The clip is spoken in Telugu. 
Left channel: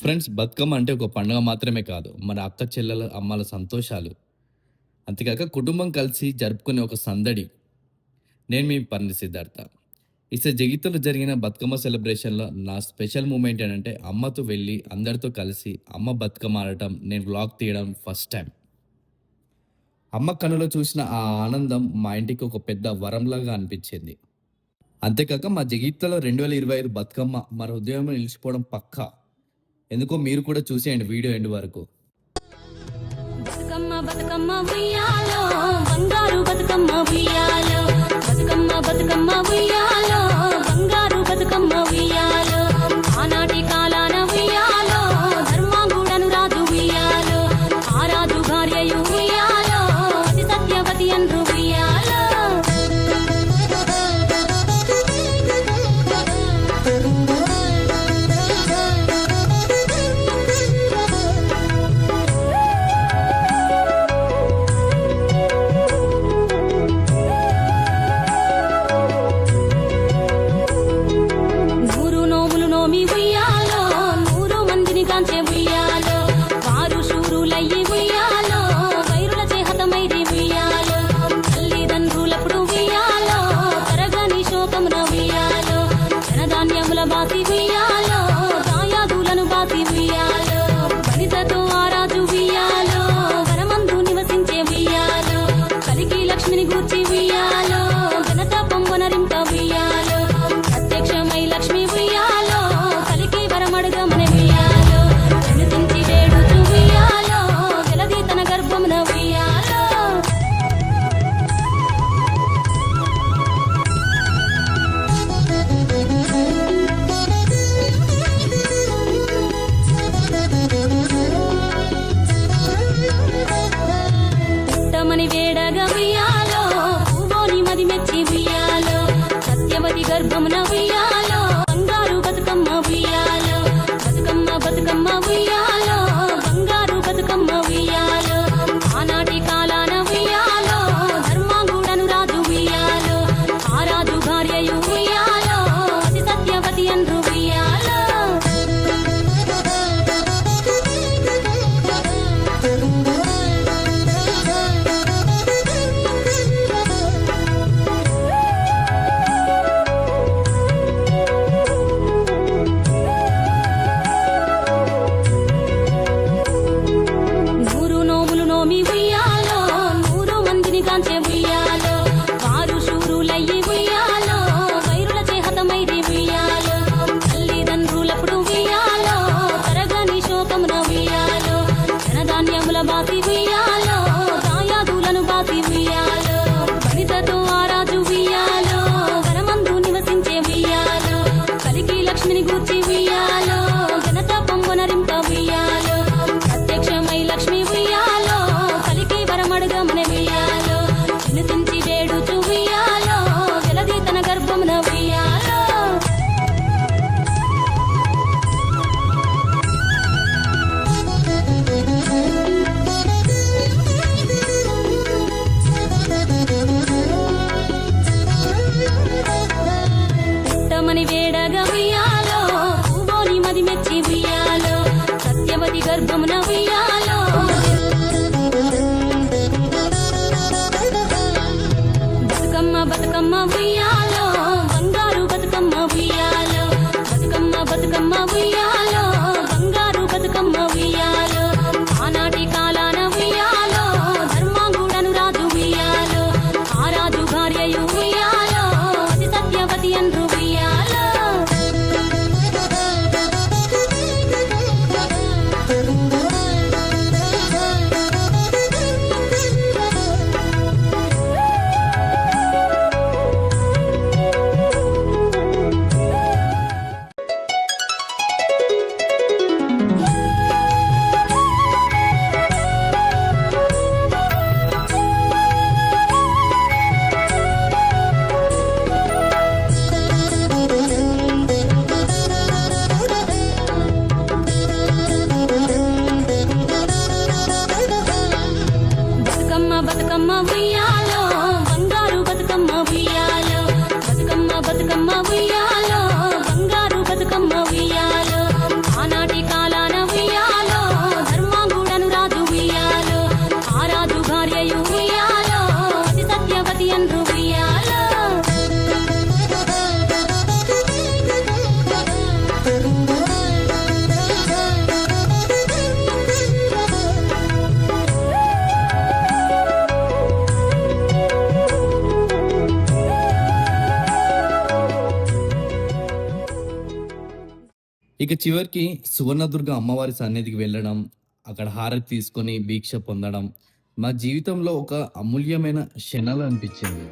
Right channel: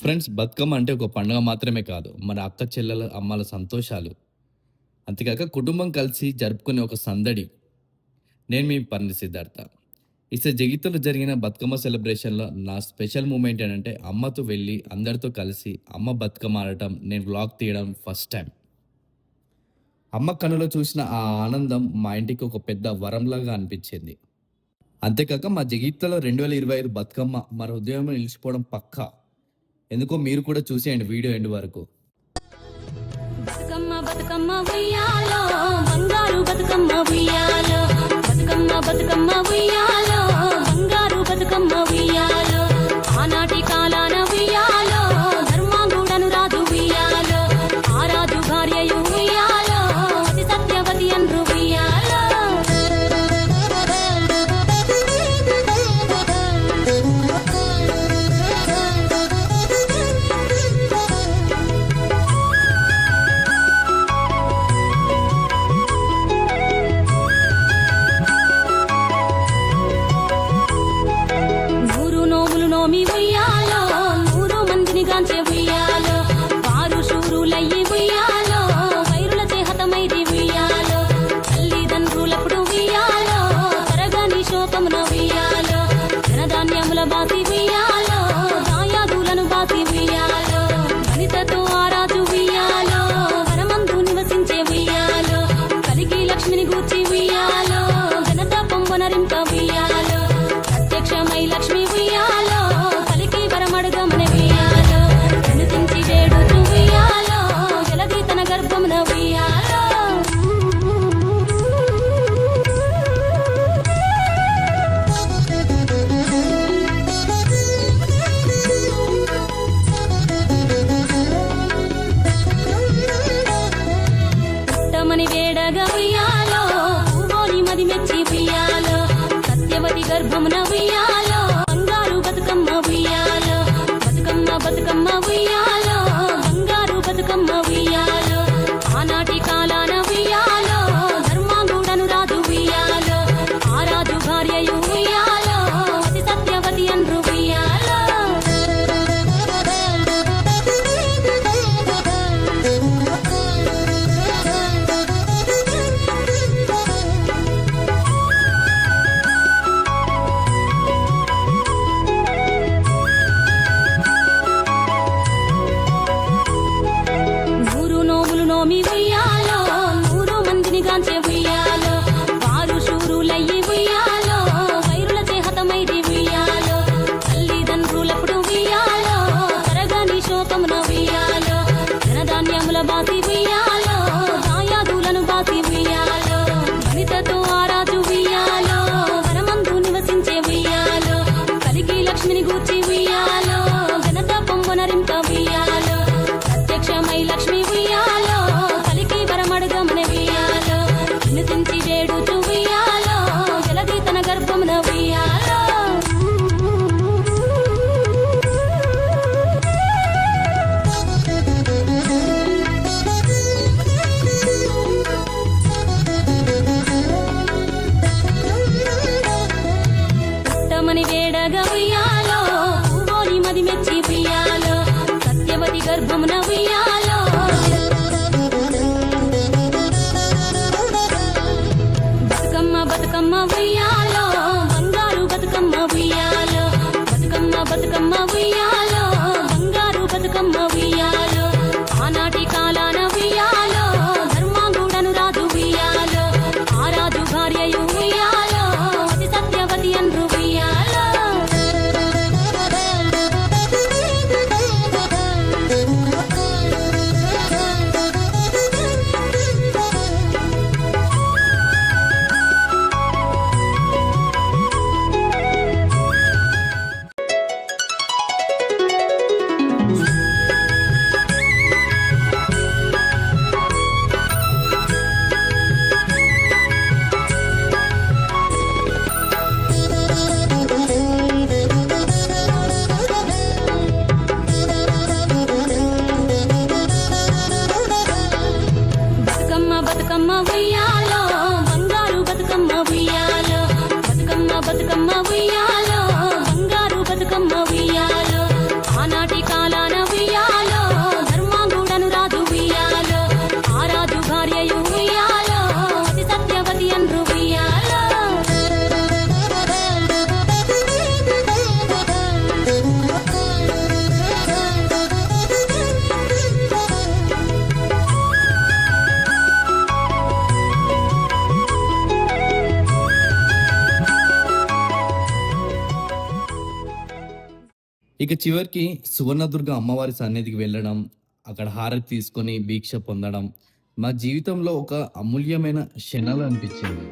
ఫ్రెండ్స్, బతుకమ్మ అంటే ఒక పండుగ మాత్రమే కాదు. మన అక్క చెల్లెల, అమ్మల సంతోషాలు. అంతేకాక కుటుంబం కలిసి జరుపుకునే ఒక సందడి. నేను మీ పర్ని సిద్ధార్థ. జీవితంలో జరిగిన బతుకమ్మ సెలబ్రేషన్‌లో నా స్పెషల్ మూమెంట్ ఏంటంటే అమ్మతో వెళ్ళి అందరితో కలిసి అమ్మ బతుకమ్మ ఆడటం, నేను వ్లాగ్ తీయడం ఫస్ట్ టైమ్. అమ్మ కళ్ళలో చూసిన ఆ ఆనందం మా ఇంటికి ఒక పెద్ద వరంలాగా అనిపించింది. అంతేకాక మా జీవితంలో 2025 బతుకమ్మ మన హృదయంలో నిలిచిపోవడం పక్కా. ఎందుకో మీరు కూడా చూసేయండి వీడియో ఎండ్ వరకు. బతుకమ్మ బతుకమ్మ ఉయ్యాలో బంగారు బతుకమ్మ ఉయ్యాలో, బతుకమ్మ బతుకమ్మ ఉయ్యాలో బంగారు బతుకమ్మ ఉయ్యాలో, ఆనాటి కాలాన ఉయ్యాలో ధర్మాంగుడను రాజు ఉయ్యాలో, ఆ రాజు భార్యయు ఉయ్యాలో అతి సత్యవతి అన్రు ఉయ్యాలో. నోమి ఉయ్యాలో 100 మందిని గాంచే ఉయ్యాలో, వారు శూరులయ్యి ఉయ్యాలో వైరుల చేహతమైది ఉయ్యాలో, తల్లిదండ్రులప్పుడు ఉయ్యాలో తరగని శోకమున ఉయ్యాలో, ధనధాన్యముల బాసి ఉయ్యాలో దాయాదులను బాసి ఉయ్యాలో, వనితతో ఆరాజు ఉయ్యాలో వనమందు నివసించే ఉయ్యాలో, కలికి లక్ష్మిని గూర్చి ఉయ్యాలో ఘనత పొంగొనరింప ఉయ్యాలో, ప్రత్యక్షమై లక్ష్మి ఉయ్యాలో కలికి వరమడుగమన ఉయ్యాలో, వినుతించి వేడుచు ఉయ్యాలో జలది తన గర్భమున ఉయ్యాలో. పుట్టమని వేడగా ఉయ్యాలో పూవోని మది మెచ్చి ఉయ్యాలో, సత్యవతి గర్భమున ఉయ్యాలో బంగారు బతుకమ్మ ఉయ్యాలో, బతుకమ్మ బతుకమ్మ ఉయ్యాలో బంగారు బతుకమ్మ ఉయ్యాలో, ఆనాటి కాలాన ఉయ్యాలో ధర్మాంగుడను రాజు ఉయ్యాలో, ఆ రాజు భార్యయు ఉయ్యాలో అతి సత్యవతి అన్రు ఉయ్యాలో. నోమి ఉయ్యాలో 100 మందిని గాంచే ఉయ్యాలో, వారు శూరులయ్యి ఉయ్యాలో వైరుల చేహతమైది ఉయ్యాలో, తల్లిదండ్రులప్పుడు ఉయ్యాలో తరగని శోకమున ఉయ్యాలో, ధనధాన్యముల బాసి ఉయ్యాలో దాయాదులను బాసి ఉయ్యాలో, వనితతో ఆరాజు ఉయ్యాలో వనమందు నివసించే ఉయ్యాలో, కలికి లక్ష్మిని గూర్చి ఉయ్యాలో ఘనత పొంగొనరింప ఉయ్యాలో, ప్రత్యక్షమై లక్ష్మి ఉయ్యాలో కలికి వరమడుగమన ఉయ్యాలో, వినుతించి వేడుచు ఉయ్యాలో జలది తన గర్భమున ఉయ్యాలో. పుట్టమని వేడగా ఉయ్యాలో పూవోని మది మెచ్చి ఉయ్యాలో, సత్యవతి గర్భమున ఉయ్యాలో, బతుకమ్మ బతుకమ్మ ఉయ్యాలో బంగారు బతుకమ్మ ఉయ్యాలో, బతుకమ్మ బతుకమ్మ ఉయ్యాలో బంగారు బతుకమ్మ ఉయ్యాలో, ఆనాటి కాలాన ఉయ్యాలో ధర్మాంగుడను రాజు ఉయ్యాలో, ఆ రాజు భార్యయు ఉయ్యాలో అతి సత్యవతి అన్రు ఉయ్యాలో. బతుకమ్మ ఉయ్యాలో బంగారు బతుకమ్మ ఉయ్యాలో, బతుకమ్మ బతుకమ్మ ఉయ్యాలో బంగారు బతుకమ్మ ఉయ్యాలో, ఆనాటి ఉయ్యాలాన ఉయ్యాలో ధర్మాంగుడను రాజు ఉయ్యాలో ఆ రాజు భార్యయు ఉయ్యాలో అతి సత్యవతి అన్రు ఉయ్యాలో ఇక చివరికి సువర్ణదుర్గ అమ్మవారి సన్నిధికి వెళ్ళడం, అక్కడ హారతి తీసుకొని దీక్ష పొందడం, మా జీవితంలో ఒక అమూల్యమైన క్షణాలు అనిపించింది.